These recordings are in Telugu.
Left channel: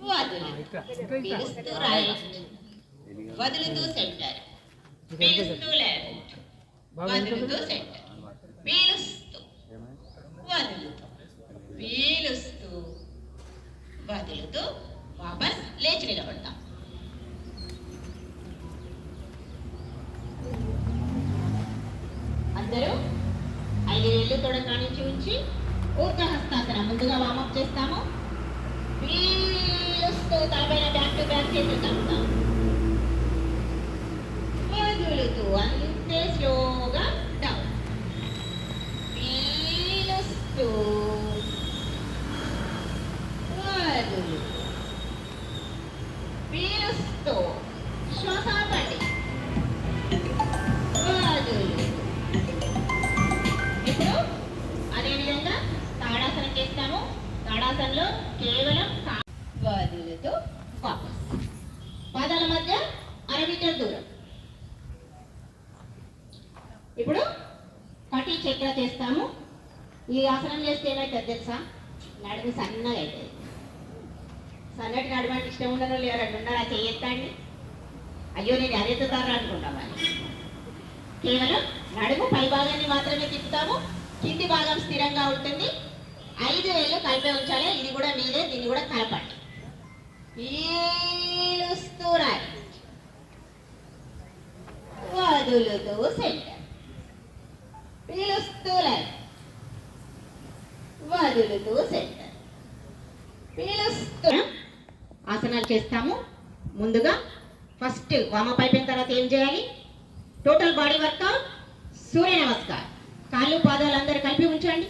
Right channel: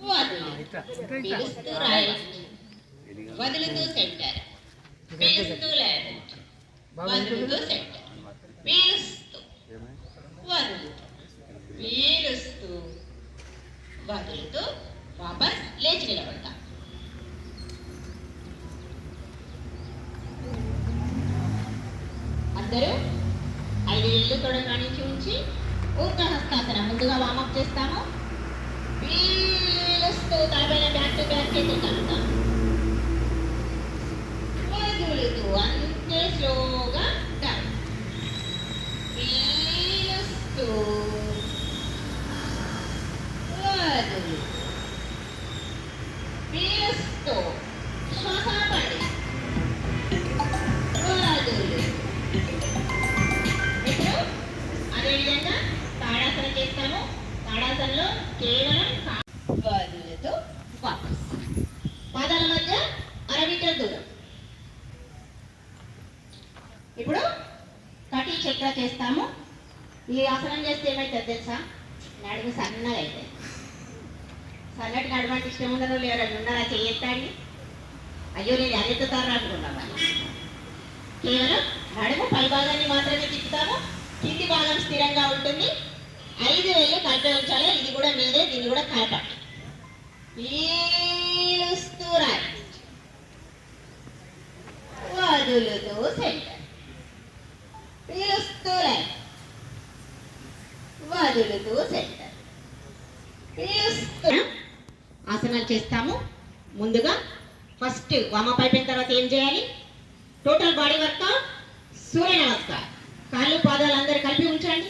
పిలుస్తూ రైట్, వదులుతూ సెంటర్, పిలుస్తూ లెఫ్ట్, వదులుతూ సెంటర్, పీలుస్తూ వదులుతూ, పీలుస్తూ వదులుతూ వాపస్ లేచి నిలబడతాం. అందరూ 5 వేళ్ళు తొడ కానించి ఉంచి ఊర్జ హస్తాసనం ముందుగా వామప్ చేస్తాము. పీలుస్తూ తలపైన బ్యాక్ టు బ్యాక్ చేతులు కలుపుతాం. వదులుతూ అంతే స్లోగా డౌన్. పీలుస్తూ వదులుతూ, పీలుస్తూ శ్వాస పడి వదులు. ఇప్పుడు అదేవిధంగా తాడాసనం చేస్తాము. తాడాసనంలో కేవలం వదులుతూ వాపస్. పాదాల మధ్య 1/2 మీటర్ దూరం. ఇప్పుడు కటి చక్ర చేస్తాము. ఈ ఆసనం చేస్తే ఏమైతుంది తెలుసా? నడుము సన్నగా అవుతుంది. సన్నటి నడుము అంటే ఇష్టం ఉండదు లేరు ఉండరా చేయెత్తండి. అయ్యో నేను అరెత్తుతారా అనుకుంటాను. కేవలం నడుము పై భాగాన్ని మాత్రమే తిప్పుతాము. కింది భాగం స్థిరంగా ఉంటుంది. 5 వేళ్ళు కలిపే ఉంచాలి. ఇది కూడా మీదే, దీన్ని కూడా కలపండి. పీలుస్తూ రైట్, వదులుతూ సెంటర్, పీలుస్తూ లెఫ్ట్, వదులుతూ సెంటర్, పీలుస్తూ. ఆసనాలు చేస్తాము. ముందుగా ఫస్ట్ వామప్ అయిపోయిన తర్వాత ఏం చేయాలి? టోటల్ బాడీ వర్కౌట్ సూర్య నమస్కారం. కాళ్ళు పాదాలు అందరూ కలిపి ఉంచండి.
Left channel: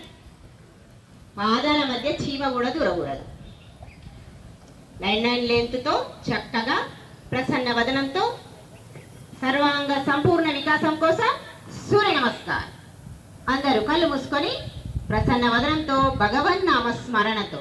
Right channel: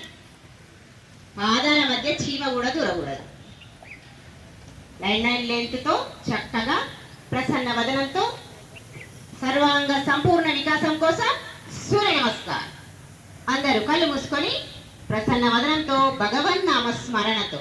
పాదాల మధ్య చీమ కూడా దూరకూడదు. లైన్ లెంత్తో చక్కగా ప్రసన్న వదనంతో సర్వాంగ సంపూర్ణ వికాసం కోసం సూర్య నమస్కారం. అందరూ కళ్ళు మూసుకొని ప్రసన్న వదనంతో భగవన్ నామ స్మరణతో